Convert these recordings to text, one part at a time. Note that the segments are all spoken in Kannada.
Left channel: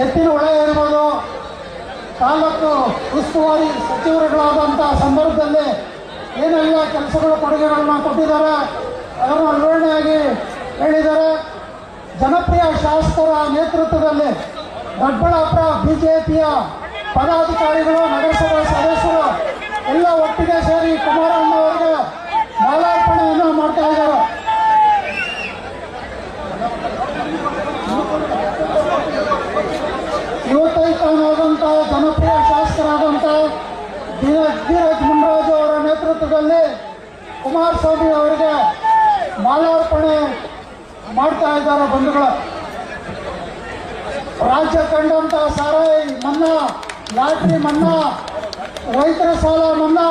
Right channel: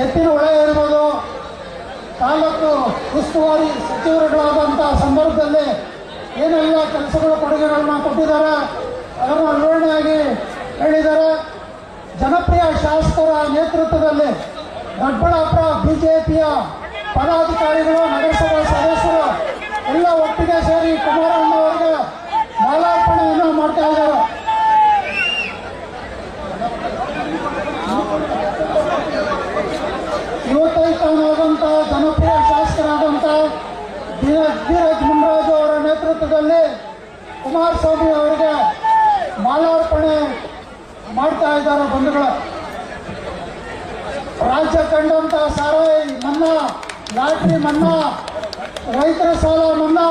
ಎತ್ತಿನ ಹೊಳೆ ಇರ್ಬೋದು. ತಾಲೂಕು ಉಸ್ತುವಾರಿ ಸಚಿವರುಗಳಾದಂಥ ಸಂದರ್ಭದಲ್ಲಿ ಏನೆಲ್ಲ ಕೆಲಸಗಳು, ಕೊಡುಗೆಗಳನ್ನ ಕೊಟ್ಟಿದ್ದಾರೆ ಅದನ್ನು ವಿವರಣೆಯಾಗಿ ಹೇಳಿದ್ದಾರೆ. ಜನಪ್ರಿಯ ಶಾಸಕರ ನೇತೃತ್ವದಲ್ಲಿ ದೊಡ್ಡಬಳ್ಳಾಪುರ ಬಿಜೆಪಿಯ ಪದಾಧಿಕಾರಿಗಳು, ನಗರಸಭಾ ಸದಸ್ಯರು ಎಲ್ಲ ಒಟ್ಟಿಗೆ ಸೇರಿ ಕುಮಾರಣ್ಣವರಿಗೆ ಮಾಲಾರ್ಪಣೆಯನ್ನು ಮಾಡ್ತಾ ಇದ್ದಾರೆ. ನೇತೃತ್ವದಲ್ಲಿ ಕುಮಾರಸ್ವಾಮಿ ಅವರಿಗೆ ಮಾಲಾರ್ಪಣೆ ಮಾಡ್ತಾ ಇದ್ದಾರೆ ಬಂಧುಗಳು. ರಾಜ್ಯ ಕಂಡಂತ ಸಾಲ ಮನ್ನಾ ಲಾಟ್ರಿ ಮನ್ನಾ, ರೈತರ ಸಾಲ ಮನ್ನಾ,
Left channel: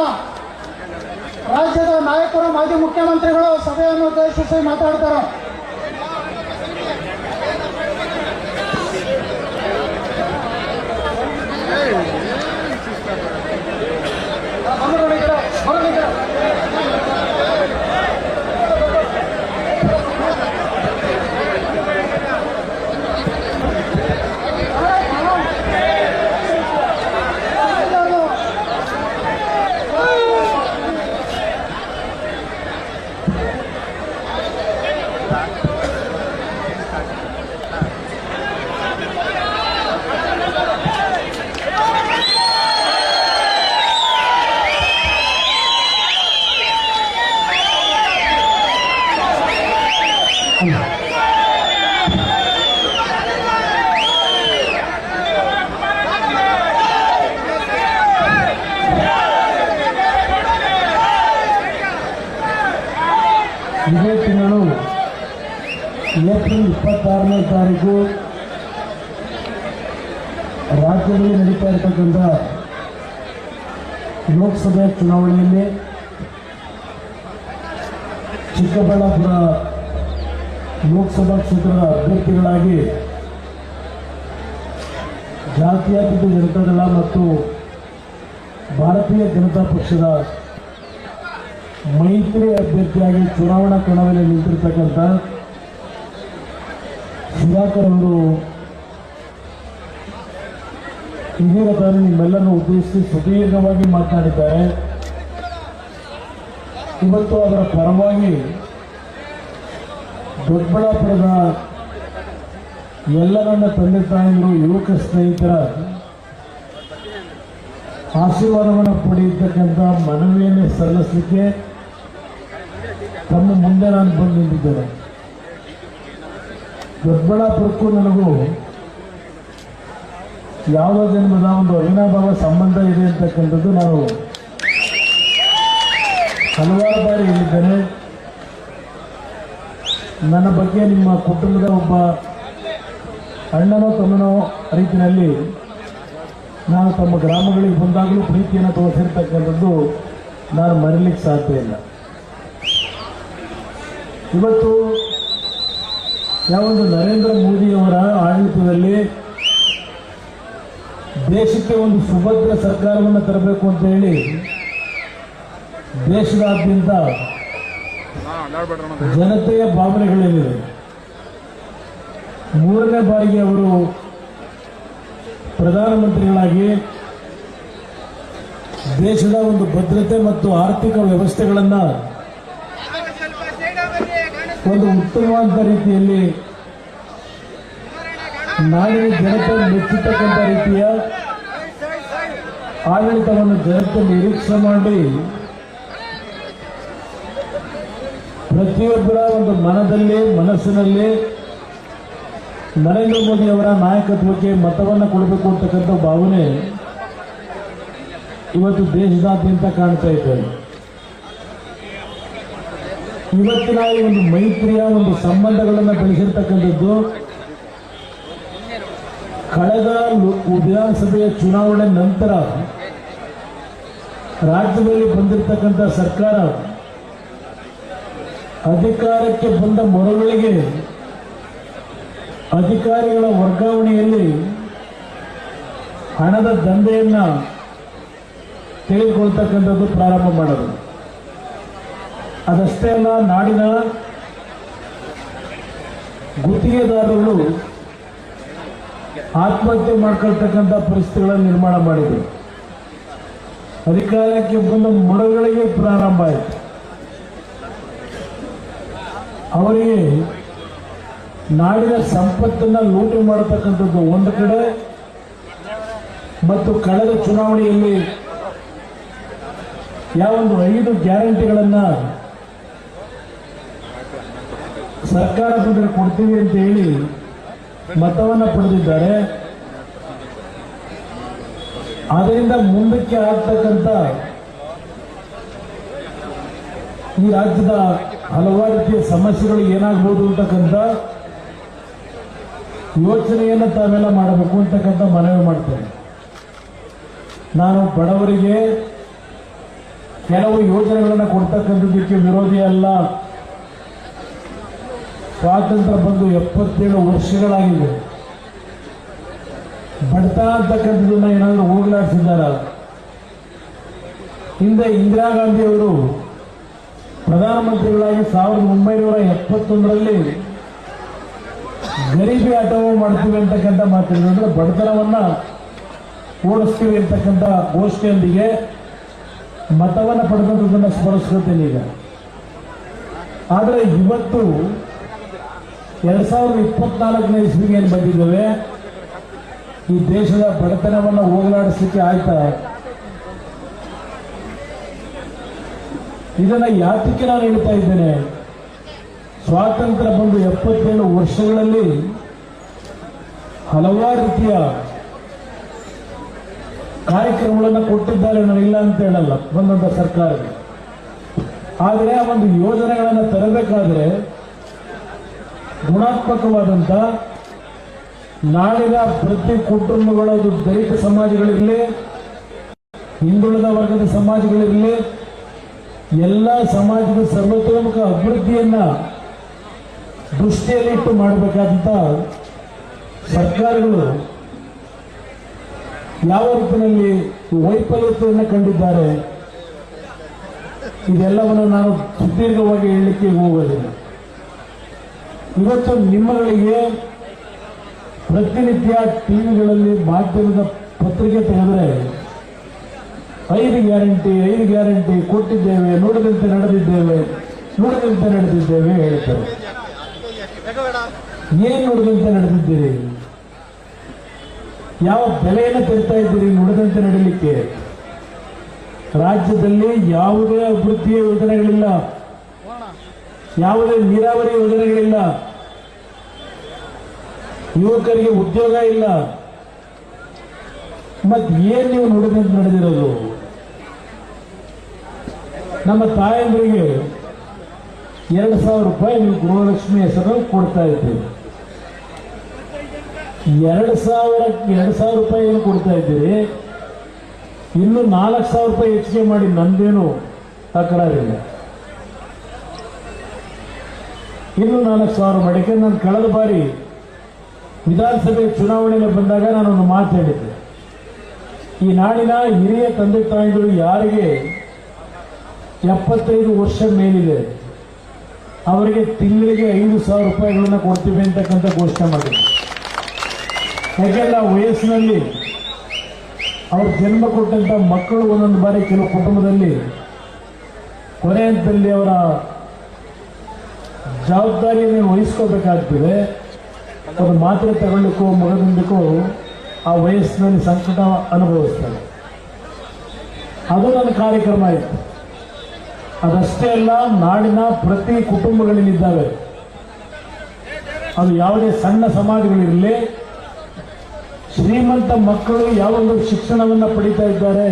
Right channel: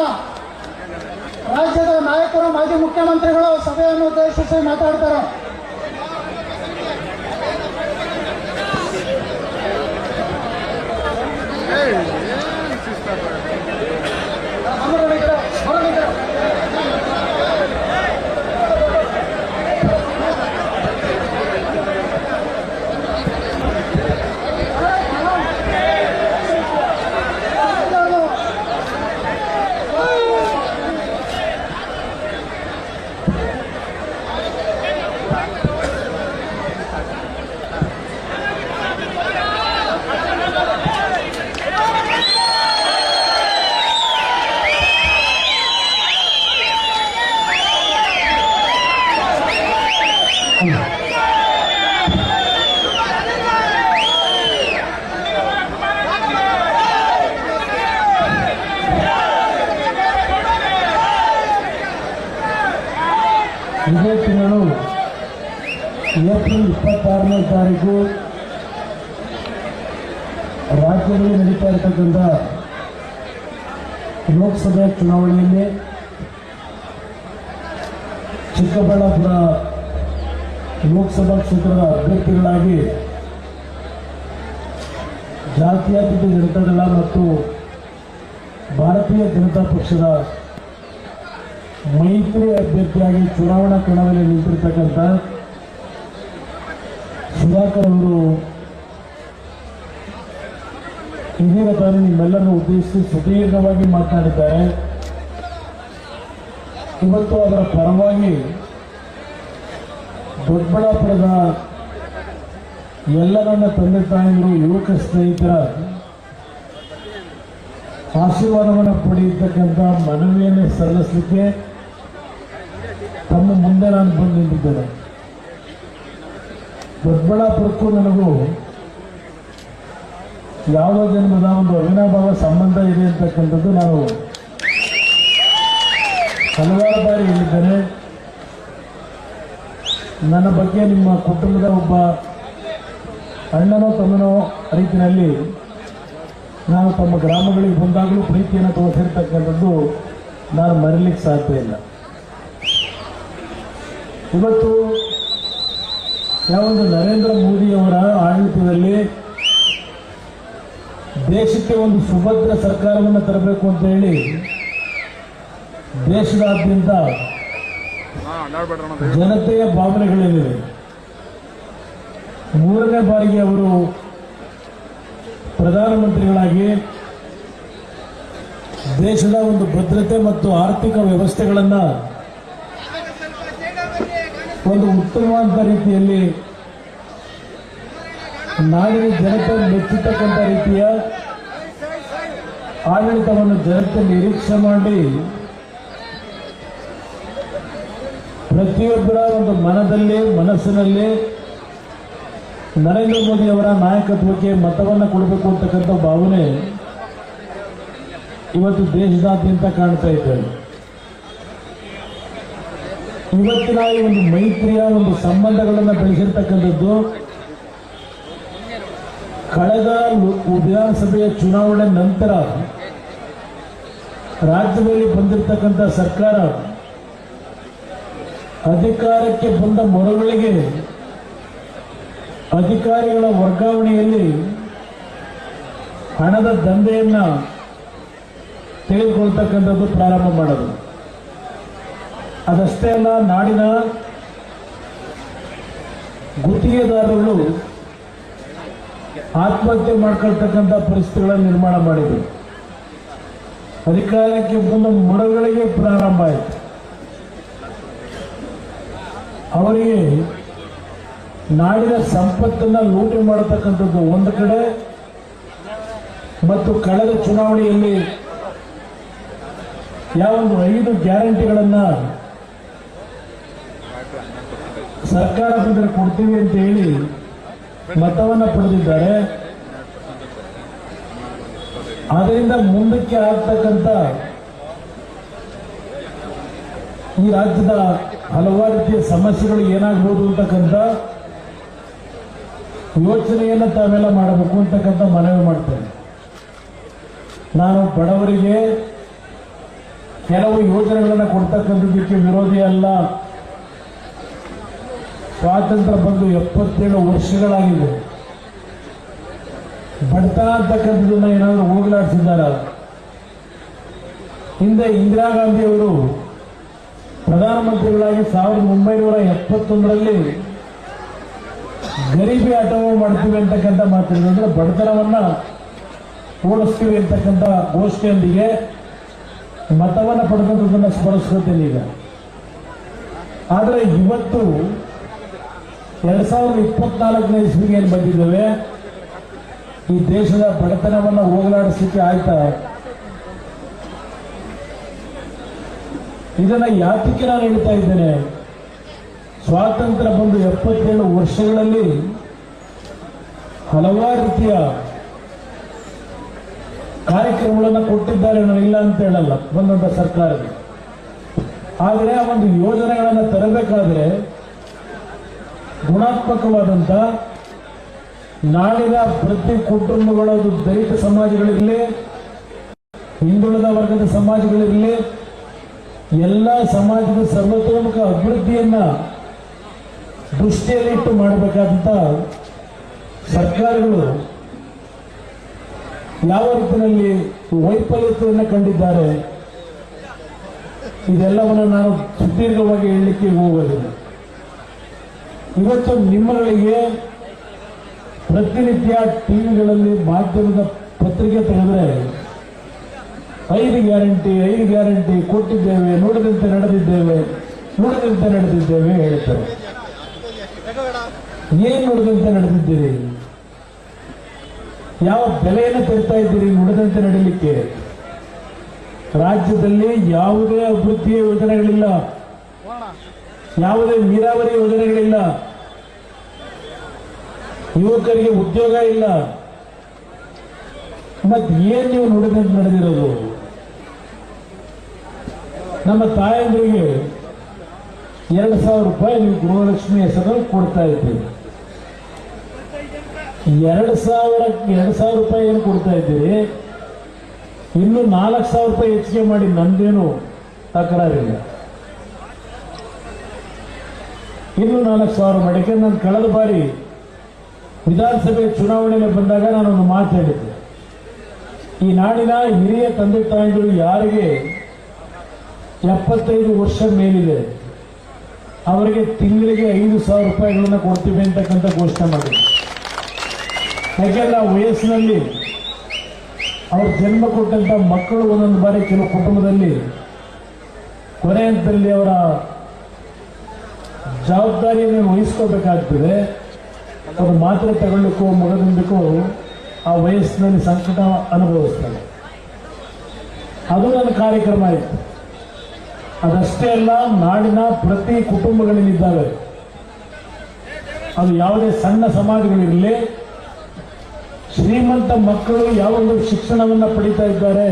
ರಾಜ್ಯದ ನಾಯಕರು, ಮಾಜಿ ಮುಖ್ಯಮಂತ್ರಿಗಳು ಸಭೆಯನ್ನು ಉದ್ದೇಶಿಸಿ ಮಾತಾಡ್ತಾರೆ. ಇಪ್ಪತ್ತಾರನೇ ತಾರೀಕು ರಾಜ್ಯದಲ್ಲಿ ನಡೀತಾ ಇರತಕ್ಕಂಥ ಲೋಕಸಭೆ ಚುನಾವಣೆಯಲ್ಲಿ ಚಿಕ್ಕಬಳ್ಳಾಪುರ ಲೋಕಸಭಾ ಕ್ಷೇತ್ರದ ಅಭ್ಯರ್ಥಿಗಳಾಗಿ ಜಾತ್ಯತೀತ ಜನತಾದಳ ಮತ್ತು ಭಾರತೀಯ ಜನತಾ ಪಕ್ಷದ ಮೈತ್ರಿ ಅಭ್ಯರ್ಥಿಯಾಗಿ ಚುನಾವಣಾ ಕಣದಲ್ಲಿ ನಿಂತಿರ್ತಕ್ಕಂಥ ಸುಧಾಕರ್ ಅವರು ಇದೀಗ ತಾನು ನಿಮ್ಮೆಲ್ಲರನ್ನು ಉದ್ದೇಶಿಸಿ ಸುದೀರ್ಘವಾಗಿ ಮಾತನಾಡಿದ್ದಾರೆ. ಇವತ್ತು ಅದರ ಪರವಾಗಿ ದೊಡ್ಡಬಳ್ಳಾಪುರದ ಎಲ್ಲ ನನ್ನ ತಂದೆ ತಾಯಿಗಳು ಯುವಕ ಸ್ನೇಹಿತರ ಆಶೀರ್ವಾದವನ್ನು ಪಡೆಯತಕ್ಕಂಥ ಮನವಿಯನ್ನು ಸಲ್ಲಿಸಲಿಕ್ಕೆ ತಮ್ಮ ಮುಂದೆ ನಾನು ಬಂದು ನಿಂತಿದ್ದೇನೆ. ದೊಡ್ಡಬಳ್ಳಾಪುರಕ್ಕೂ ನನಗೂ ಯಾವ ಜನ್ಮದ ಒಂದು ಅವಿನಾಭಾವ ಸಂಬಂಧ ಇದೆ ಅಂತಕ್ಕಂಥದ್ದು ನಾನು ಹಲವಾರು ಬಾರಿ ಹೇಳಿದ್ದೇನೆ. ನನ್ನ ಬಗ್ಗೆ ನಿಮ್ಮ ಕುಟುಂಬದ ಒಬ್ಬ ಅಣ್ಣನೋ ತಮ್ಮನೋ ರೀತಿಯಲ್ಲಿ ನಾನು ತಮ್ಮ ಗ್ರಾಮಗಳಿಗೆ ಬಂದಾಗಲೂ ಪ್ರೀತಿಯನ್ನು ತೋರಿಸಿರ್ತಕ್ಕಂಥದ್ದು ನಾನು ಮರೀಲಿಕ್ಕೆ ಸಾಧ್ಯ ಇಲ್ಲ. ಇವತ್ತು ಯಾವೊಂದು ನರೇಂದ್ರ ಮೋದಿಯವರ ಆಡಳಿತದಲ್ಲಿ ದೇಶಕ್ಕೆ ಒಂದು ಸುಭದ್ರ ಸರ್ಕಾರವನ್ನು ತರಬೇಕು ಅಂತ ಹೇಳಿ ದೇಶದಾದ್ಯಂತ ಜನತೆಯ ಭಾವನೆಗಳೇನಿವೆ? ಮೂರನೇ ಬಾರಿಗೆ ಅವರು ಪ್ರಧಾನಮಂತ್ರಿಗಳಾಗಿ ದೇಶದ ಒಂದು ಭದ್ರತೆ ಮತ್ತು ಆರ್ಥಿಕ ವ್ಯವಸ್ಥೆಗಳನ್ನು ಒಂದು ಉತ್ತಮವಾದ ರೀತಿಯಲ್ಲಿ ನಾಡಿನ ಜನತೆ ಮೆಚ್ಚತಕ್ಕಂಥ ರೀತಿಯ ಆಡಳಿತವನ್ನು ಜನತೆ ನಿರೀಕ್ಷೆ ಮಾಡಿ ಪ್ರತಿಯೊಬ್ಬರ ಒಂದು ಮನದಲ್ಲಿ, ಮನಸ್ಸಿನಲ್ಲಿ ನರೇಂದ್ರ ಮೋದಿ ಅವರ ನಾಯಕತ್ವಕ್ಕೆ ಮತವನ್ನು ಕೊಡಬೇಕು ಅಂತಕ್ಕಂಥ ಭಾವನೆ ಇವತ್ತು ದೇಶದಾದ್ಯಂತ ಕಾಣ್ತಾ ಇದ್ದಾರೆ ಇವತ್ತಿನ ಒಂದು ಮೈತ್ರಿಯ ಒಂದು ಸಂಬಂಧಗಳನ್ನು ಬೆಳೆಸಿರ್ತಕ್ಕಂಥದ್ದು ಕಳೆದ ವಿಧಾನಸಭೆಯ ಚುನಾವಣೆ ನಂತರ ರಾಜ್ಯದಲ್ಲಿ ಬಂದಿರತಕ್ಕಂಥ ಸರ್ಕಾರ ಅಧಿಕಾರಕ್ಕೆ ಬಂದ ಮರುಗಳಿಗೆ ಅಧಿಕಾರಿಗಳ ವರ್ಗಾವಣೆಯಲ್ಲಿ ಹಣದ ದಂಧೆಯನ್ನ ತೆಗೆದುಕೊಳ್ತಕ್ಕಂಥದ್ದು ಪ್ರಾರಂಭ ಮಾಡೋದು. ಅದಷ್ಟೇ ಅಲ್ಲ, ನಾಡಿನ ಗುತ್ತಿಗೆದಾರರು ಆತ್ಮಹತ್ಯೆ ಮಾಡ್ಕೊಳ್ತಕ್ಕಂಥ ಪರಿಸ್ಥಿತಿಗಳನ್ನು ನಿರ್ಮಾಣ ಮಾಡಿದರು. ಅಧಿಕಾರಕ್ಕೆ ಬಂದ ಮರಗಳಿಗೆ ಪ್ರಾರಂಭ ಆಯಿತು. ಅವರಿಗೆ ನಾಡಿನ ಸಂಪತ್ತನ್ನ ಲೂಟಿ ಮಾಡತಕ್ಕಂಥದ್ದು ಒಂದು ಕಡೆ ಮತ್ತು ಕಳೆದ ಚುನಾವಣೆಯಲ್ಲಿ ಯಾವೊಂದು ಐದು ಗ್ಯಾರಂಟಿಗಳನ್ನ ಸರ್ಕಾರ ಬಂದರೆ ಕೊಡ್ತೀವಿ ಅಂತ ಹೇಳಿ ಮತವನ್ನ ಪಡೆದಿದ್ದಾರೆ. ಅದರಿಂದ ಮುಂದಕ್ಕೆ ಆಗ್ತಕ್ಕಂಥ ಈ ರಾಜ್ಯದ ಹಲವಾರು ರೀತಿಯ ಸಮಸ್ಯೆಗಳು ಏನಾಗ್ಬೋದು ಅಂತಕ್ಕಂಥ ಯೋಚನೆಯನ್ನು ತಾವೆಲ್ಲ ಮಾಡಬೇಕು ಅಂತಕ್ಕಂಥ ಮನವಿ ಮಾಡ್ತೇನೆ. ನಾನು ಬಡವರಿಗೆ ಕೆಲವು ಯೋಜನೆಗಳನ್ನು ಕೊಡ್ತಕ್ಕಂಥದ್ದಕ್ಕೆ ವಿರೋಧಿ ಅಲ್ಲ. ಸ್ವಾತಂತ್ರ್ಯ ಬಂದು ಎಪ್ಪತ್ತೇಳು ವರ್ಷಗಳಾಗಿದೆ. ಬಡತನ ಅಂತಕ್ಕಂಥದ್ದನ್ನ ಏನಾದರೂ ಹೋಗಲಾಡಿಸಿದ್ದಾರ? ಹಿಂದೆ ಇಂದಿರಾ ಗಾಂಧಿ ಅವರು ಪ್ರಧಾನಮಂತ್ರಿಗಳಾಗಿ ಸಾವಿರದ ಒಂಬೈನೂರ ಎಪ್ಪತ್ತೊಂದರಲ್ಲಿ ಗರೀಬಿ ಆಟವು ಮಾಡ್ತೀವಿ ಅಂತಕ್ಕಂಥ ಮಾತಿದ್ರು ಅಂದರೆ ಬಡತನವನ್ನ ಓಡಿಸ್ತೀವಿ ಅಂತಕ್ಕಂಥ ಘೋಷಣೆಯೊಂದಿಗೆ ಮತವನ್ನು ಪಡೆದಂಥದ್ದನ್ನು ಸ್ಮರಿಸ್ಕೊತೀನಿ ಈಗ. ಆದರೆ ಇವತ್ತು ಎರಡ್ ಸಾವಿರದ ಇಪ್ಪತ್ನಾಲ್ಕನೇ ಇಸ್ವಿಗೆ ಏನು ಬಂದಿದ್ದೇವೆ? ಈ ದೇಶದ ಬಡತನವನ್ನು ಹೋಗಲಾಡಿಸಲಿಕ್ಕೆ ಆಯ್ತಾ? ಇದನ್ನ ಯಾತಕ್ಕೆ ನಾನು ಹೇಳ್ತಾ ಇದ್ದೇನೆ? ಸ್ವಾತಂತ್ರ್ಯ ಬಂದು ಎಪ್ಪತ್ತೇಳು ವರ್ಷಗಳಲ್ಲಿ ಹಲವಾರು ರೀತಿಯ ಕಾರ್ಯಕ್ರಮಗಳನ್ನು ಕೊಟ್ಟಿದ್ದಾರೆ ನಾನು ಇಲ್ಲ ಅಂತ ಹೇಳಲ್ಲ ಬಂದಂತ ಸರ್ಕಾರಕ್ಕೆ ಆದರೆ ಆ ಒಂದು ಯೋಜನೆಗಳನ್ನು ತರಬೇಕಾದ್ರೆ ಗುಣಾತ್ಮಕವಾದಂತ ನಾಳಿನ ಪ್ರತಿ ಕುಟುಂಬಗಳದು ದಲಿತ ಸಮಾಜಗಳಿರಲಿ, ಹಿಂದುಳಿದ ವರ್ಗದ ಸಮಾಜಗಳಿರಲಿ, ಎಲ್ಲ ಸಮಾಜದ ಸರ್ವತೋಮುಖ ಅಭಿವೃದ್ಧಿಯನ್ನ ದೃಷ್ಟಿಯಲ್ಲಿಟ್ಟು ಮಾಡಬೇಕಾದಂತ ಸರ್ಕಾರಗಳು ಯಾವ ರೂಪದಲ್ಲಿ ವೈಫಲ್ಯತೆಯನ್ನು ಕಂಡಿದ್ದಾರೆ, ಇದೆಲ್ಲವನ್ನು ನಾನು ಸುದೀರ್ಘವಾಗಿ ಹೇಳಲಿಕ್ಕೆ ಹೋಗೋದಿಲ್ಲ ಇವತ್ತು ನಿಮ್ಮಗಳಿಗೆ ಪ್ರತಿನಿತ್ಯ ಟಿವಿಗಳಲ್ಲಿ ಮಾಧ್ಯಮದ ಪತ್ರಿಕೆ ತೆಗೆದ್ರೆ ಐದು ಗ್ಯಾರಂಟಿ ಐದು ಗ್ಯಾರಂಟಿ ಕೊಟ್ಟಿದ್ದೇವೆ, ನೋಡದಂತೆ ನಡೆದಿದ್ದೇವೆ ನೋಡದಂತೆ ನಡೆದಿದ್ದೇವೆ ಹೇಳ್ತಾರೆ. ಏನು ನೋಡದಂತೆ ನಡೆದಿದ್ದೀರಿ? ಯಾವ ಬೆಲೆಯನ್ನು ತರ್ತಾ ಇದ್ದೀರಿ ನುಡಿದಂತೆ ನಡೀಲಿಕ್ಕೆ ರಾಜ್ಯದಲ್ಲಿ ಯಾವುದೇ ಅಭಿವೃದ್ಧಿಯ ಯೋಜನೆಗಳಿಲ್ಲ. ಯಾವುದೇ ನೀರಾವರಿ ಯೋಜನೆಗಳಿಲ್ಲ. ಯುವಕರಿಗೆ ಉದ್ಯೋಗ ಇಲ್ಲ. ಮತ್ತೆ ಏನ್ ನೀವು ನುಡಿದಂತೆ ನಡೆದಿರೋದು? ನಮ್ಮ ತಾಯಂದ್ರಿಗೆ ಎರಡು ಸಾವಿರ ರೂಪಾಯಿ ನೀವು ಗೃಹಲಕ್ಷ್ಮಿ ಹೆಸರು ಕೊಡ್ತಾ ಇದ್ದೀರಿ. ಎರಡು ಸಾವಿರ ಎರಡು ಸಾವಿರ ರೂಪಾಯಿ ಏನು ಕೊಡ್ತಾ ಇದ್ದೀರಿ? ಇನ್ನು ನಾಲ್ಕು ಸಾವಿರ ರೂಪಾಯಿ ಹೆಚ್ಚಿಗೆ ಮಾಡಿ ನಂದೇನು ತಕರಾರಿಲ್ಲ. ಇನ್ನು ನಾಲ್ಕು ಸಾವಿರ ಮಡಿಕೆ, ನಾನು ಕಳೆದ ಬಾರಿ ವಿಧಾನಸಭೆ ಚುನಾವಣೆಗೆ ಬಂದಾಗ ನಾನೊಂದು ಮಾತು ಹೇಳಿದ್ದೆ. ಈ ನಾಡಿನ ಹಿರಿಯ ತಂದೆ ತಾಯಿಗಳು ಯಾರಿಗೆ ಎಪ್ಪತ್ತೈದು ವರ್ಷ ಮೇಲಿದೆ, ಅವರಿಗೆ ತಿಂಗಳಿಗೆ ಐದು ಸಾವಿರ ರೂಪಾಯಿಗಳನ್ನ ಕೊಡ್ತೀವಿ ಅಂತಕ್ಕಂಥ ಘೋಷಣೆ ಮಾಡಿದೆ ಆ ವಯಸ್ಸಿನಲ್ಲಿ ಅವ್ರ ಜನ್ಮ ಕೊಟ್ಟಂತ ಮಕ್ಕಳು ಒಂದೊಂದು ಬಾರಿ ಕೆಲವು ಕುಟುಂಬದಲ್ಲಿ ಕೊನೆ ಹಂತದಲ್ಲಿ ಅವರ ಜವಾಬ್ದಾರಿಯನ್ನು ವಹಿಸ್ಕೋಬೇಕಾಗ್ತದೆ ಅದು ಮಾತ್ರೆ ತಗೊಳ್ಳಿಕ್ಕೋ ಮಗದೊಂದಕ್ಕೂ ಆ ವಯಸ್ಸಿನಲ್ಲಿ ಸಂಕಟ ಅನುಭವಿಸ್ತಾರೆ ಅದು ನನ್ನ ಕಾರ್ಯಕ್ರಮ ಆಯಿತು. ಅದಷ್ಟೇ ಅಲ್ಲ, ನಾಡಿನ ಪ್ರತಿ ಕುಟುಂಬಗಳಲ್ಲಿದ್ದಾವೆ ಅದು ಯಾವುದೇ ಸಣ್ಣ ಸಮಾಜಗಳಿರಲಿ, ಶ್ರೀಮಂತ ಮಕ್ಕಳು ಯಾವೊಂದು ಶಿಕ್ಷಣವನ್ನು ಪಡಿತಾ ಇದ್ದಾರೆ,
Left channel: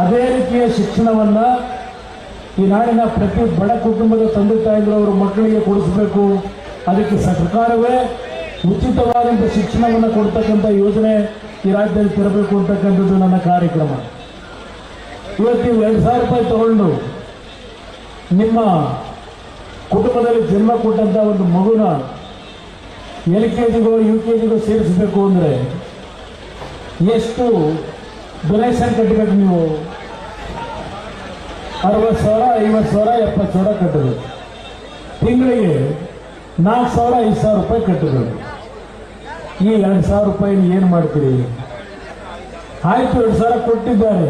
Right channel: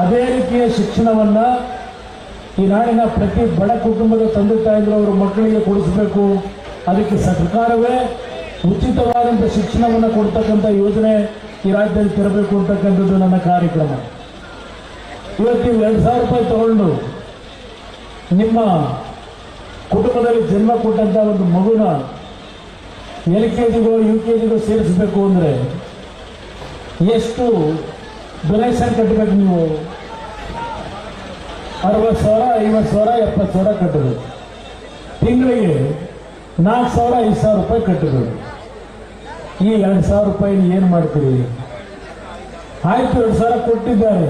ಅದೇ ರೀತಿಯ ಶಿಕ್ಷಣವನ್ನ ಈ ನಾಡಿನ ಪ್ರತಿ ಬಡ ಕುಟುಂಬದ ತಂದೆ ತಾಯಿಗಳು ಅವರ ಮಕ್ಕಳಿಗೆ ಕೊಡಿಸಬೇಕು. ಅದಕ್ಕೆ ಸರ್ಕಾರವೇ ಉಚಿತವಾದಂಥ ಶಿಕ್ಷಣವನ್ನು ಕೊಡ್ತಕ್ಕಂಥ ಯೋಜನೆ ಈ ರಾಜ್ಯದಲ್ಲಿ ತರಬೇಕು ಅಂತಕ್ಕಂಥದ್ದು ನನ್ನ ಕಾರ್ಯಕ್ರಮ. ಇವತ್ತು ಎರಡು ಸಾವಿರ ರೂಪಾಯಿ ತಗೊಂಡು ನಿಮ್ಮ ಕುಟುಂಬದಲ್ಲಿ ಜನ್ಮ ಕೊಟ್ಟಂತ ಒಂದು ಮಗುನ ಎಲ್ ಕೆ ಜಿಗೋ, ಯು ಕೆ ಜಿಗೋ ಸೇರಿಸಬೇಕು ಅಂದರೆ ಎಷ್ಟು ಡೊನೇಷನ್ ಕಟ್ಟಬೇಕು ನೀವು? ಅರವತ್ತು ಸಾವಿರ, ಐವತ್ತು ಸಾವಿರ, ಎಪ್ಪತ್ತು ಸಾವಿರ ಕಟ್ಟಬೇಕು ತಿಂಗಳಿಗೆ ನಾಲ್ಕು ಸಾವಿರ, ಐದು ಸಾವಿರ ರೂಪಾಯಿ ಕಟ್ಟಬೇಕು ಈ ಎರಡು ಸಾವಿರ ರೂಪಾಯಿ ಏನು ಮಾಡ್ತೀರಿ? ಆಯ್ತು, ಎರಡು ಸಾವಿರ ಕೊಟ್ಟಿದ್ದಾರೆ.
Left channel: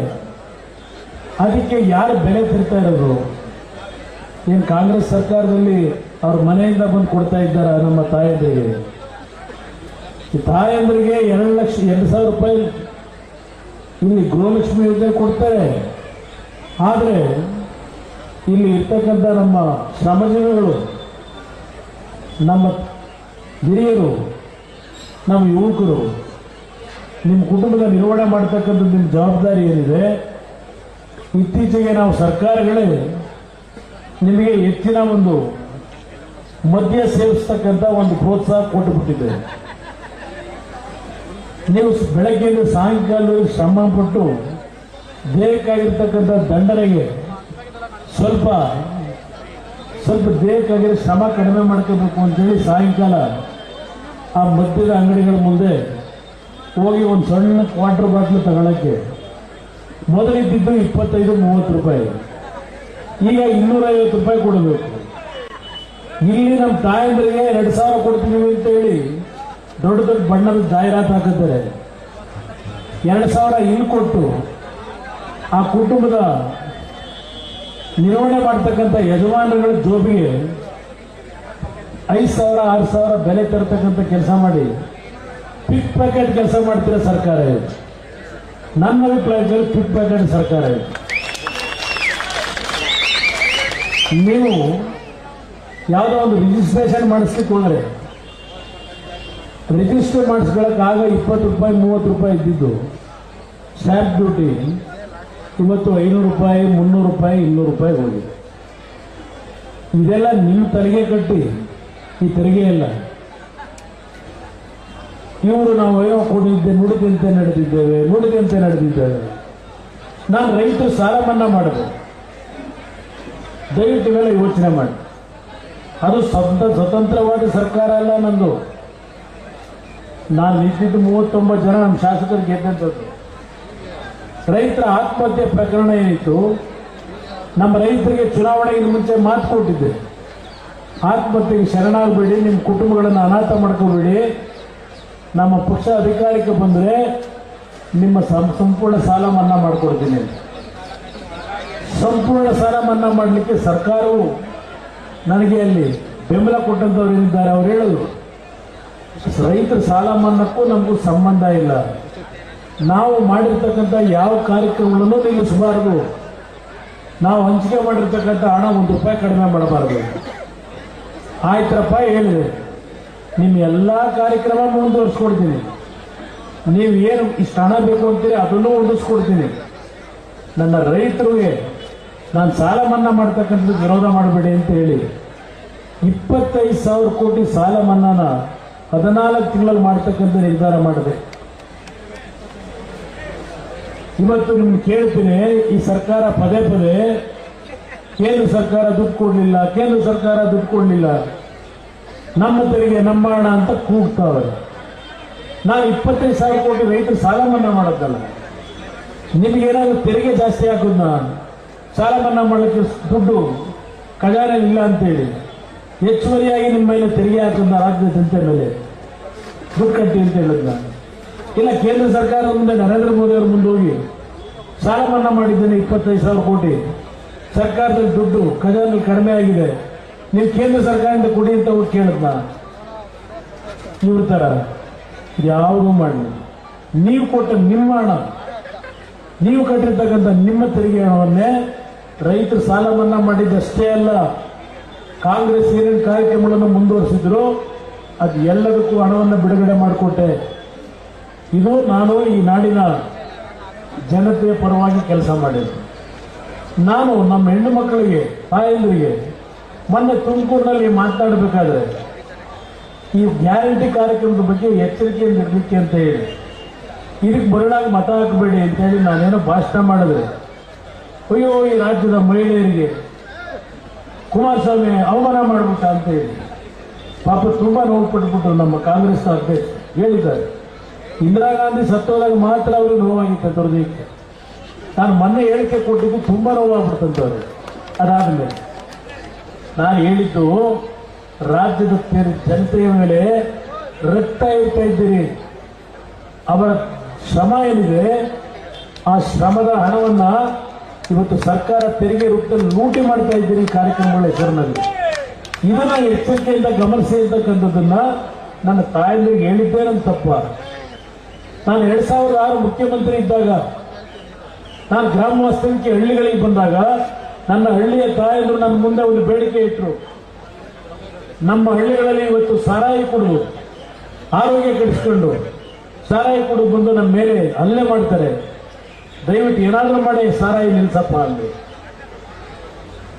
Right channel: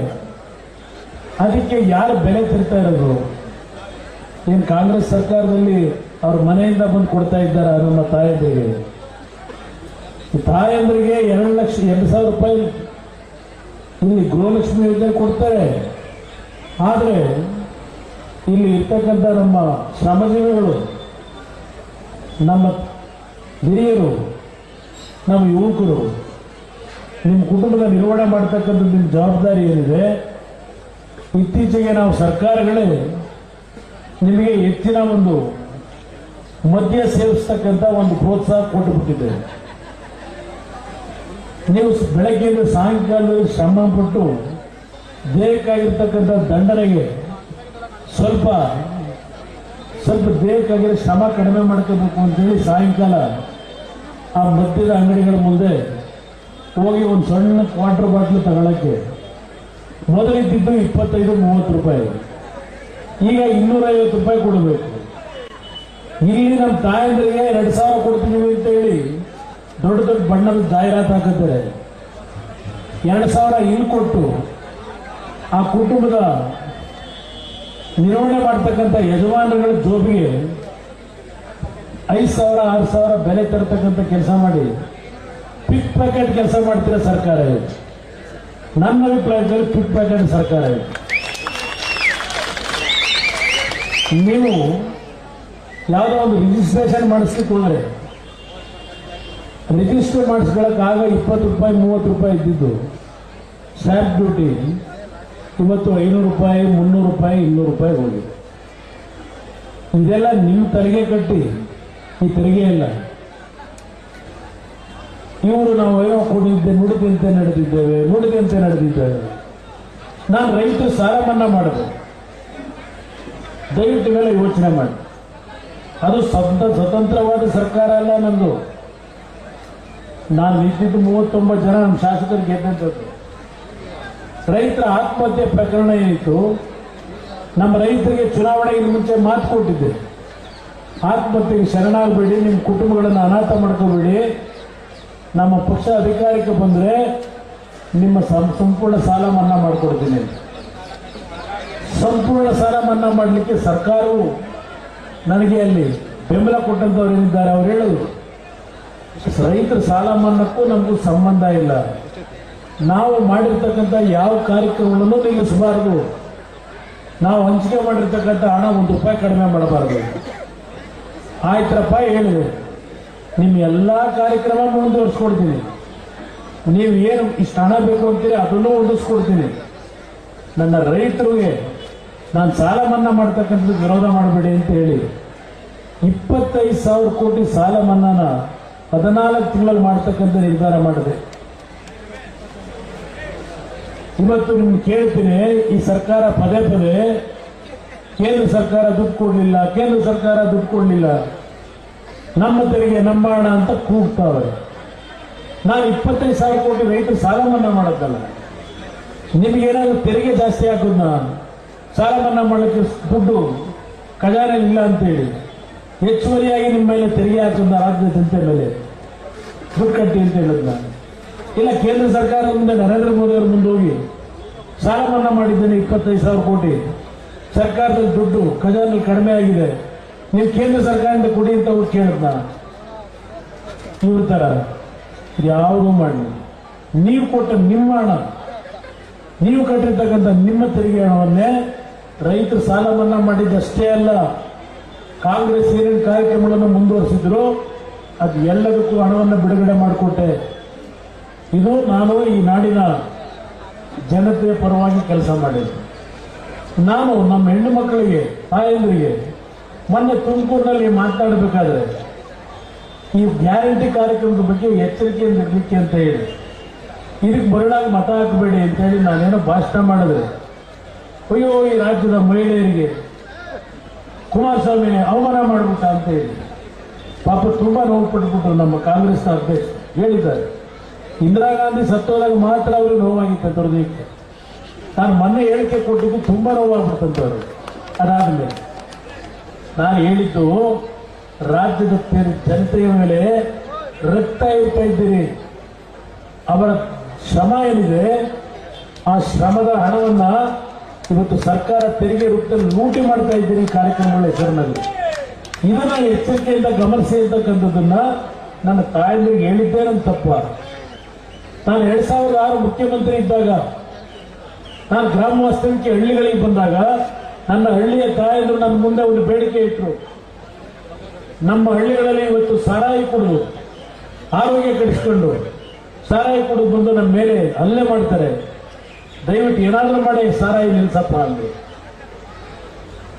ಅದಕ್ಕೆ ಯಾರು ಬೆಲೆ ತಿರ್ತಾ ಇರೋದು? ಏನು ಕಾಂಗ್ರೆಸ್ ಸರ್ಕಾರದಲ್ಲಿ ಅವ್ರ ಮನೆಯಿಂದ ಬಂದು ಕೊಡ್ತಾ ಇದ್ದಾರ ನಮ್ಮ ತಾಯಂದ್ರಿಗೆ? ತಾಯಂದ್ರಿಗೆ ಎರಡು ಲಕ್ಷ, ಎರಡು ಸಾವಿರ ರೂಪಾಯಿ ಇಲ್ಲಿ ಗೃಹಲಕ್ಷ್ಮಿ ಯೋಜನೆ ಕೊಡ್ತಾರೆ. ಆದರೆ ಇಲ್ಲಿ ಇರ್ತಕ್ಕಂಥ ನಮ್ಮ ಶ್ರಮಜೀವಿಗಳು, ನಮ್ಮ ಹಿರಿಯರು, ನಮ್ಮ ಯುವಕರು, ನಿಮ್ಮ ಕುಟುಂಬದ ನಿರ್ವಹಣೆ ಮಾಡ್ತಕ್ಕಂಥ ನಿಮ್ಮ ಜವಾಬ್ದಾರಿ ಏನಿದೆ, ಇತ್ತೀಚೆಗೆ ನಾವು ಸರ್ಕಾರಗಳೇ ನಿಮಗೆ ಹೆಚ್ಚಿನ ಒಂದು ಮದ್ಯ ಸೇವಿಸ್ತಕ್ಕಂಥ ಒಂದು ಪ್ರೋತ್ಸಾಹ ಕೊಟ್ಟುಬಿಟ್ಟಿದೆ. ನೀವು ಬೆಳಗ್ಗೆಯಿಂದ ಸಾಯಂಕಾಲದಲ್ಲಿ ಶ್ರಮ ಪಟ್ಟು ದೇಹಕ್ಕಾಗಿರ್ತಕ್ಕಂಥ ದಂಡನೆಗೆ ಸ್ವಲ್ಪ ಸ್ವಲ್ಪ ದೇಹಕ್ಕಾಗಿರೋ ಶ್ರಮ ಕಡಿಮೆ ಮಾಡ್ಕೋಬೇಕು ಅಂತೇಳಿ ಸಾಯಂಕಾಲ ಆ ಮದ್ಯದ ಅಂಗಡಿಗಳ ಮುಂದೆ ಹೋಗಿ ಒಂದು ಸಣ್ಣ ಕ್ವಾರ್ಟರ್ ಬಾಟ್ಲು ತಗೊಳಕ್ಕೆ ಮೊದಲಿದ್ದಿದ್ದು ಇಪ್ಪತ್ತೈದು, ಮೂವತ್ತು ರೂಪಾಯಿ. ಈಗ ಇನ್ನೂರೈವತ್ತು ರೂಪಾಯಿ ಕೊಡಬೇಕು. ಇಲ್ಲಿ ನಮ್ಮ ತಾಯಂದ್ರಿಗೆ ಎರಡು ಸಾವಿರ ಕೊಡ್ತೀವಿ ಅಂತ ಹೇಳಿ ದೊಡ್ಡ ದೊಡ್ಡ ಬಣ್ಣದ ಜಾಹೀರಾತು ಹಾಕಿದ್ದಾರೆ. ಎರಡು ಸಾವಿರ ಇಲ್ಲಿ ಕೊಟ್ಟು ಆ ಕುಟುಂಬದ ನಿರ್ವಹಣೆ ಮಾಡ್ತಕ್ಕಂಥ ಯಜಮಾನರುಗಳ ಜೋಬಿಗೆ ಐದು ಸಾವಿರ, ಆರು ಸಾವಿರ ಬೆಲೆ ತರತಕ್ಕಂಥ ಕೆಲಸ ಮಾಡಿ ಪಿಕ್ ಪ್ಯಾಕೆಟ್ ಕೆಲಸ ಮಾಡ್ತಿರೋ ಸರ್ಕಾರ ಇದು. ನನ್ನ ಅಭಿಪ್ರಾಯದಲ್ಲಿ ಪಿಕ್ ಪ್ಯಾಕೆಟ್ ಸರ್ಕಾರ ಇದು. ನೀವು ಯಾವುದೋ ಒಂದು ರಿಜಿಸ್ಟ್ರೇಷನ್ ಮಾಡಿಸ್ಲಿಕ್ಕೆ ಹೋದ್ರೆ ರಿಜಿಸ್ಟರ್ ಮಾಡಿಸ್ಕೊಳ್ಳೋಕ್ಕಾಗ ಇಪ್ಪತ್ತು ರೂಪಾಯಿ, ಮೂವತ್ತು ರೂಪಾಯಿ ಇದ್ದಿದ್ದು ಸ್ಟ್ಯಾಂಪ್ ಡ್ಯೂಟಿ ಇವತ್ತು ಐನೂರು ರೂಪಾಯಿ, ಮುನ್ನೂರು ರೂಪಾಯಿ, ಇನ್ನೂರು ರೂಪಾಯಿ ಹೋಗಿದೆ. ಇದೆಲ್ಲ ನಿಮ್ಮ ತೆರಿಗೆ ಕಟ್ಟಿ, ಈ ತೆರಿಗೆ ಇಲ್ಲ ಇವರು ನಾವು ಏನೋ ಕೊಡಿದ್ದೆ, ನುಡಿದಂತೆ ನಡೆದಿದ್ದೇವೆ ನುಡಿದಂತೆ ನಡೆದಿದ್ದೇವೆ. ನಾನು ರೈತ ಸಾಲ ಮನ್ನಾ ಮಾಡಿದೆ ದಯವಿಟ್ಟು ಮೇಲೆ ಯೋಚನೆ ಮಾಡಿ. ಅದು ಸ್ವಂತ ಸ್ವತಂತ್ರವಾದ ಸರ್ಕಾರ ಅಲ್ಲ ನಂದು. ನಾನು ನಿಂತಿದ್ದು ಮೂವತ್ತೊಂಬತ್ತು ಜನ ನಮ್ಮ ಶಾಸಕರು ಗೆದ್ದಂಥದ್ದು. ರೈತರ ಆತ್ಮಹತ್ಯೆ ಪ್ರಕರಣ ಏನಿತ್ತು, ನಮ್ಮ ರೈತರಿಗೆ ಚುನಾವಣೆಗೆ ಮುಂಚೆ ಮಾತು ಕೊಟ್ಟಿದ್ದೆ. ಆತ್ಮಹತ್ಯೆಗೆ ಶರಣಾಗಬೇಡಿ, ನಿಮ್ಮ ಕುಟುಂಬಗಳನ್ನು ಅನಾಥ ಮಾಡ್ಕೋಬೇಡಿ. ನಮ್ಮ ಪಕ್ಷ ಅಧಿಕಾರಕ್ಕೆ ಬಂದರೆ ನಿಮ್ಮ ಸಂಪೂರ್ಣ ಸಾಲ ಮನ್ನಾ ಮಾಡಿಕೊಡ್ತೀನಿ. ಸಂಪೂರ್ಣ ಸಾಲ ಮನ್ನಾ ಮಾಡಲಿಕ್ಕೆ ಸರ್ಕಾರವು ನನಗೆ ಅಲ್ಲಿ ಬೆಂಬಲ ಕೊಟ್ಟಂಥವ್ರು ಏನಿದ್ದಾರೆ ಅವ್ರು ಹೇಳಿದ್ರು ರೈತರ ಸಾಲ ಮನ್ನಾಕ್ಕೂ ನಮಗೂ ಸಂಬಂಧ ಇಲ್ಲ. ನಾವು ಮಾಡಿರ್ತಕ್ಕಂಥ ಯಾವ ಕಾರ್ಯಕ್ರಮಗಳನ್ನು ನಿಲ್ಲಿಸಬಾರದು ನಾವು ಹಂಚಿಕೆ ಮಾಡಿರ್ತಕ್ಕಂಥ ಹಣ ಒಂದು ರೂಪಾಯಿ ಕಡಿಮೆ ಮಾಡಬಾರದು. ಆಯ್ತರಪ್ಪ ಹೇಳಿದೆ ನಿಮ್ಮ ಎಲ್ಲ ಕಾರ್ಯಕ್ರಮ ಮುಂದುವರಿಸ್ಕೊಡ್ತೀನಿ. ನೀವು ಏನು ಇಷ್ಟು ಹಣ ಬೇಕು ಅಂತೀರಿ, ಅದನ್ನು ಒದಗಿಸ್ಕೊಡ್ತೀನಿ ನನ್ನ ರೈತರಿಗೆ ನಾನು ಸಾಲ ಮನ್ನಾ ಮಾಡ್ತಕ್ಕಂಥದ್ದು ವಿರೋಧ ಮಾಡಬೇಡಿ ಅಂತ ಹೇಳಿ ಇಪ್ಪತ್ತೈದು ಸಾವಿರ ಕೋಟಿ ಸಾಲ ಮನ್ನಾನ ಹದಿನಾಲ್ಕು ತಿಂಗಳಲ್ಲಿ ಮಾಡ್ತಕ್ಕಂಥ ನಿರ್ಧಾರ ಮಾಡಿದೆ. ಇವತ್ತು ನಿಮ್ಗೆ ಕೇಳ್ತೀನಿ, ಈ ಸರ್ಕಾರ ಪದೇ ಪದೇ ಕೇಂದ್ರ ಸರ್ಕಾರ ದುಡ್ಡು ಕೊಡಲಿಲ್ಲ, ಕೇಂದ್ರ ಸರ್ಕಾರ ದುಡ್ಡು ಕೊಡಲಿಲ್ಲ. ನಮ್ಮ ತೆರಿಗೆ ಹಣ ಅಂತ ಕೂಗ್ತಾವೆ ನಾನು ಇಪ್ಪತ್ತೈದು ಸಾವಿರ ಕೋಟಿ ರೈತರು ಸಾಲ ಮನ್ನಾ ಮಾಡೋದಲ್ಲ ನಿಮಗೇನಾದ್ರೂ ತೆರಿಗೆ ಜಾಸ್ತಿ ಹಾಕೋದನ್ನ ಸಾಲ ಮನ್ನಾ ಮಾಡೋಕ್ಕೆ ದುಡ್ಡು ಖಜಾನೆ ಇಲ್ಲ ಅಂತೇಳಿ. ಹೆಚ್ಚುವರಿಯಾಗಿ ನಿಮ್ಮ ಮೇಲೆ ತೆರಿಗೆ ಹಾಕೋದನ್ನ ರಾಜ್ಯ ಜನತೆ ಮೇಲೆ? ದುಡ್ಡು ಕಟ್ಟಿ ಅಂತ ಹೇಳಿದ್ನ? ಇಲ್ಲ ಕೇಂದ್ರ ಸರ್ಕಾರ ಮುಂದೆ ನರೇಂದ್ರ ಮೋದಿ ಅವರು ಮುಂದೆ ಹೋಗಿ ಸಾಲ ಮನ್ನಾ ಮಾಡಿದ್ದೇನೆ ಇಪ್ಪತ್ತೈದು ಸಾವಿರ ಕೋಟಿ. ಸರ್ಕಾರದ ದುಡ್ಡು ಖಜಾನೆ ಕಡಿಮೆ ಆಗಿದೆ. ನೀವು ಕೇಂದ್ರ ಸರ್ಕಾರದಿಂದ ಕೊಡಿ ಅಂತ ಹೋಗಿ ಕೇಳಿದ್ನ? ಇವ್ರ ಥರ ಯಾವುದೂ ಮಾಡಿ ನೀವು ಕೊಟ್ಟ ನಿಮ್ಮ ಹಣ, ನೀವು ಕಟ್ಟಿರ್ತಕ್ಕಂಥ ನಿಮ್ಮ ತೆರಿಗೆ ಹಣವನ್ನೇ ರೈತರು ಸಾಲ ಮನ್ನಾ ಮಾಡಿದ್ದಷ್ಟೇ ಅಲ್ಲ, ಕಾಂಗ್ರೆಸ್ ಏನೇನು ಕಾರ್ಯಕ್ರಮಗಳನ್ನು ಮುಂದುವರೆಸಿದ್ರು, ಅದು ಎಲ್ಲದಕ್ಕೂ ಹಣವನ್ನು ಬಿಡುಗಡೆ ಮಾಡಿಕೊಟ್ಟೆ. ಇದು ನಾನು ಈ ನಾಡಿನ ಜನತೆಯ ಪರವಾಗಿ ಕೆಲಸ ಮಾಡಿದ್ದೆ. ನಾನು ನಮ್ಮ ಹೆಣ್ಣು ಮಕ್ಕಳಿಗೆ, ತಾಯಂದ್ರಿಗೆ ಮೊನ್ನೆ ತುಮಕೂರಿನಲ್ಲಿ ಮಾತಾಡಬೇಕಾದ್ರೆ ಈ ಗ್ಯಾರಂಟಿ ಕಾರ್ಯಕ್ರಮದ ಬಗ್ಗೆ ಎಚ್ಚರಿಕೆಯಿಂದ ಇರಲಿಕ್ಕೆ ಅಂತ ಹೇಳಿ, ಇದಕ್ಕೆ ಬರಡಾಗಿ ಮತ ಹಾಕಬೇಡಿ ಅಂತ ಹೇಳಿ ನಾನೇನೋ ಭಾಷಣ ಮಾಡಿದ್ರೆ ಅಯ್ಯೋ, ಈ ರಾಜ್ಯದ ಮಹಿಳೆಯರಿಗೆ ಕುಮಾರಸ್ವಾಮಿ ಅವಮಾನ ಮಾಡಬೇಕಂತ ಹೇಳಿ. ಪಾಪ ತುಂಬಾ ನೋವು ಪಟ್ಬಿಟ್ರು ನಮ್ಮ ಕಾಂಗ್ರೆಸ್ ಅಧ್ಯಕ್ಷ ಹೇಳಿದ್ದಾರೆ. ಇಂದಿರಾ ಗಾಂಧಿ ಸತ್ತೋದಾಗ ಮಾತ್ರ ಅವ್ರಿಗೆ ನೋವಾಗಿತ್ತು ಹೃದಯಕ್ಕೆ ನಾನು ಮೊನ್ನೆ ಹೇಳಿಕೆ ಕೊಟ್ಟಿದ್ದು ತುಂಬಾ ನೋವಾಗ್ಬಿಡ್ತಂತವ್ರು ಅದಾದ್ಮೇಲೆ ನಾನು ಹೇಳಿದ್ದು, ರಾಜ್ಯದ ಜನತೆಯ ಮೇಲೆ ರಕ್ತ ಇಡ್ತಾ ಇದ್ದೀರಿ. ಅವರ ಶ್ರಮ ಏನಿದೆ, ಆ ಶ್ರಮದ ಹಣವನ್ನ ಇವತ್ತು ಸರ್ಕಾರ ತೆರಿಗೆ ರೂಪದಲ್ಲಿ ಲೂಟಿ ಮಾಡ್ತಾ ಇದ್ದೀರಿ ಕಾರ್ಯಕ್ರಮಗಳ ಹೆಸರಿನಲ್ಲಿ. ಇದನ್ನ ಎಚ್ಚರಿಕೆಯಿಂದ ಗಮನಿಸಿ ಅಂತಕ್ಕಂಥದ್ದನ್ನ ನನ್ನ ತಾಯಂದಿರಿಗೆ ಹೇಳಿದ್ದೇ ನನ್ನ ತಪ್ಪ. ನಾನು ಎರಡ್ ಸಾವಿರದ ಆರು ಮುಖ್ಯಮಂತ್ರಿ ಇದ್ದಾಗ, ನಾನು ಗ್ರಾಮ ಹಳ್ಳಿಗಳಿಗೆ ಬಂದಾಗ, ನನ್ನ ಹಳ್ಳಿಯ ತಾಯಂದರು ನನ್ನ ಮುಂದೆ ಒಂದು ಬೇಡಿಕೆ ಇಟ್ಟರು ನಮ್ಮ ಹಳ್ಳಿಗಳಲ್ಲಿ ಇವತ್ತು ಸಾರಾಯಿ ಕುಡಿದು, ಆರೋಗ್ಯ ಕೆಡಿಸ್ಕೊಂಡು, ಸಾರಾಯಿ ಕೊಡು ಬಂದು ನಮ್ಮ ಮೇಲೆ ಹಲ್ಲೆ ಮಾಡ್ತಾರೆ. ದಯವಿಟ್ಟು ಏನಾದರೂ ಮಾಡಿ ಸಾರಾಯಿ ನಿಲ್ಸಪ್ಪ ಅಲ್ಲಿ.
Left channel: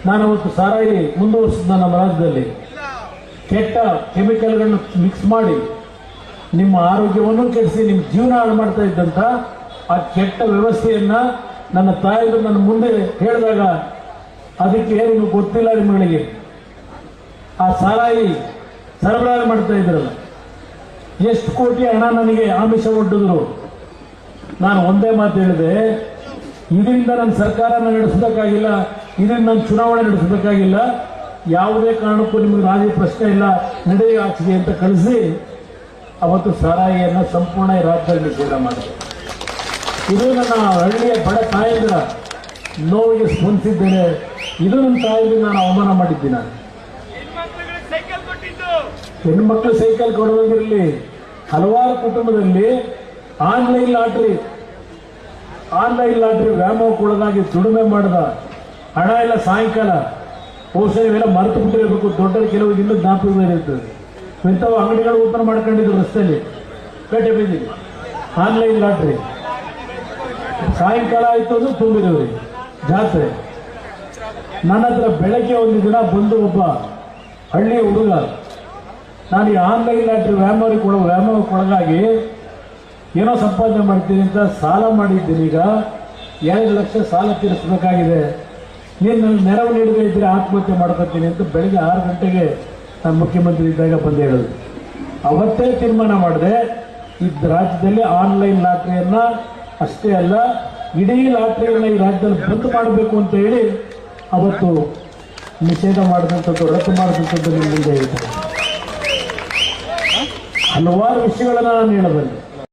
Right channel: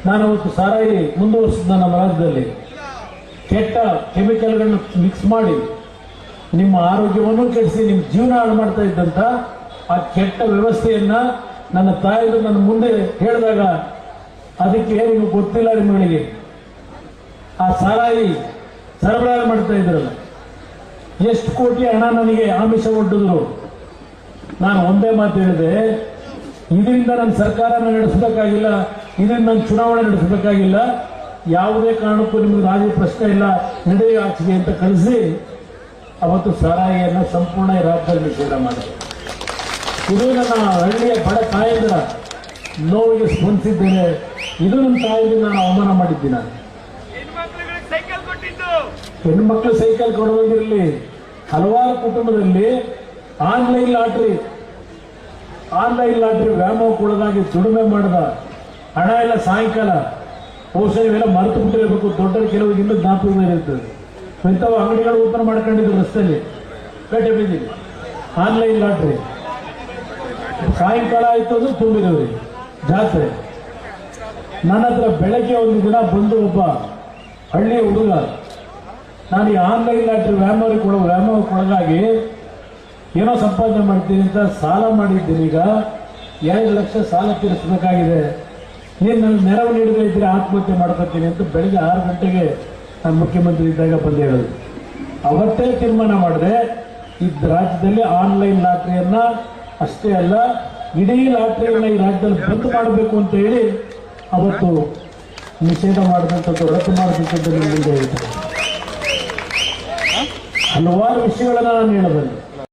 ನಾನು ಅವತ್ತು ಸಾರಾಯಿ ಮುಂದುವರಿಸಿದ ನಮ್ಮ ರಾಜ್ಯದಲ್ಲಿ. ಕೆಟ್ಟ ಕೆಮಿಕಲ್ಗಳನ್ನು ಮಿಕ್ಸ್ ಮಾಡಿ ನಿಮ್ಮ ಆರೋಗ್ಯವನ್ನು ಕೆಡಿಸಿ, ನಿಮ್ಮ ಜೀವನ ಹಾಳು ಮಾಡ್ತಾ ಇದ್ದಂತ ಆ ಕೆಟ್ಟ ವ್ಯವಸ್ಥೆಯನ್ನ ನನ್ನ ತಾಯಿಗೆ ನನ್ನ ಮುಂದೆ ಹೇಳಿದಾಗ ಅದಕ್ಕೆ ನಿಮಗೆ ಗೊತ್ತಿಲ್ಲ ನಿಮ್ಮಗಳಿಗೆ ಆ ಸಾರಾಯಿ ಸರಬರಾಜು ಮಾಡ್ತಾ ಇದ್ರಲ್ಲ. ಎಷ್ಟು ಕೋಟಿ ಹಣ ನನಗೆ ಆಮಿಷ ಒಡ್ಡಿದ್ರು. ನಾನು ಒಂದೇ ಮಾತು ಹೇಳಿದೆ, ಇದರಿಂದ ನನ್ನ ಸರ್ಕಾರನ ನಡೆಸಬೇಕಾಗಿಲ್ಲ ಇದರಿಂದ ನಾನು ಚುನಾವಣೆ ನಡೆಸಬೇಕಾಗಿಲ್ಲ ಯಾವುದೇ ಕಾರಣಕ್ಕೂ ನಿಮಗೆ ರಾಜಿ ಪ್ರಶ್ನೆ ಇಲ್ಲ, ನಡೆಯ ಆಚೆಗೆ ಅಂತ ಕಳಿಸಿ ಅವತ್ತು ಸಾರಾಯಿಯನ್ನು ಸಂಪೂರ್ಣ ರಾಜ್ಯದಲ್ಲಿ ನಿಷೇಧ ಮಾಡಿದೆ ಇದು ನನ್ನ ಹಳ್ಳಿಯ ಬಡ ತಾಯಂದಿರ ನೋವಿಗೆ ಸ್ಪಂದಿಸಿದ್ದೇನೆ ಇದು ನನ್ನ ತಾಯಿಗೆ ನಾನು ಅವಮಾನ ಮಾಡಿದ್ದೀನಿ ನಾನು. ಹೆಣ್ಣು ಹೆಣ್ಮಕ್ಳು ಸೈಕಲ್ ಕೊಡುವುದಿರಲಿ ಹಲವಾರು ಕುಟುಂಬದಲ್ಲಿ ಆನ್ಲೈನ್ ಲಾಟ್ರಿ ಆನ್ಲೈನ್ ಲಾಟ್ರಿ ವ್ಯಾಮೋಹ ಕೊಡೋದಾಗಿ ದುಡಿಮೆ ಮಾಡಿದ ಹಣ ಎಲ್ಲ ಸಾಯಂಕಾಲ ಬಹುಶಃ ಇವೆಲ್ಲ ಮರೆತು ಬಿಟ್ಟಿರಬೇಕು ದೊಡ್ಡ ಕೆಲವು ಇನ್ನೂ ಇರ್ತದೆ ಇಂಥವು ಅಂಗಡಿಗಳು ಓಪನ್ ಮಾಡ್ಕೊಂಡಿದ್ರು ರಸ್ತೆಯಲ್ಲಿ. ಪೇಟೆ ಬೀದಿಗೆ. ಆನ್ಲೈನ್ ಲಾಟ್ರಿ ಸಾಯಂಕಾಲ ಆಯ್ತು ಅಂದ್ರೆ ತುಂಬಿದವ್ರಿ. ಜಾತ್ರೆ. ನನ್ನ ಹತ್ರ ಬೆಳಗ್ಗೆ ಒಂದು ದಿನ ಬಂದು ಒಬ್ಬ ಹಳ್ಳಿಯ ಹುಡುಗ ನಾನು ಈ ಆನ್ಲೈನ್ ಲಾಟ್ರಿ ವ್ಯಾಮೋರಿಗೆ ಕೊಡೋ ವ್ಯಾಮೋಹಕ್ಕೆ ಒಳಗಾಗಿ ಏನೋ ಸಂಪಾದನೆ ಮಾಡ್ತೀನಿ ಅಂತ ಸಾಲ ಮಾಡಿದ್ದೀನಿ ಈಗ. ಎರಡು ಲಕ್ಷ ಸಾಲ ತೀರಿಸಬೇಕಾಗಿದೆ. ನೀನು ನನಗೆ ನೆರವು ನೀಡದೇ ಇದ್ರೆ ಆತ್ಮಹತ್ಯೆ ಮಾಡ್ಕೊತೀನಿ ಅಂತ ಬೆಳಗ್ಗೆ ಆರು ಗಂಟೆಗೆ ನಾನು ಮುಖ್ಯಮಂತ್ರಿ ಇದ್ದಾಗ ಬಂದು ಹೇಳೋದು. ಅವತ್ತೇ ತೀರ್ಮಾನ ಮಾಡಿದೆ, ಈ ರಾಜ್ಯದಲ್ಲಿ ಆನ್ಲೈನ್ ಲಾಟ್ರಿಯನ್ನ ಅಷ್ಟೇ ಅಲ್ಲ, ಇಡೀ ಲಾಟ್ರಿಯನ್ನ ಈ ರಾಜ್ಯದಲ್ಲಿ ಬಂದ್ ಮಾಡಬೇಕು ಅಂತ ಹೇಳಿ ಅವತ್ತು ನಿಷೇಧ ಮಾಡಿದಂಥದ್ದು, ರದ್ದು ಮಾಡಿದಂಥದ್ದು ನಿಮ್ಮ ಮುಂದೆ ಹೇಳ್ತಾರೆ ಹಲವಾರು ವಿಷಯಗಳನ್ನ ನಾನು ಹೇಳಬಲ್ಲೆ.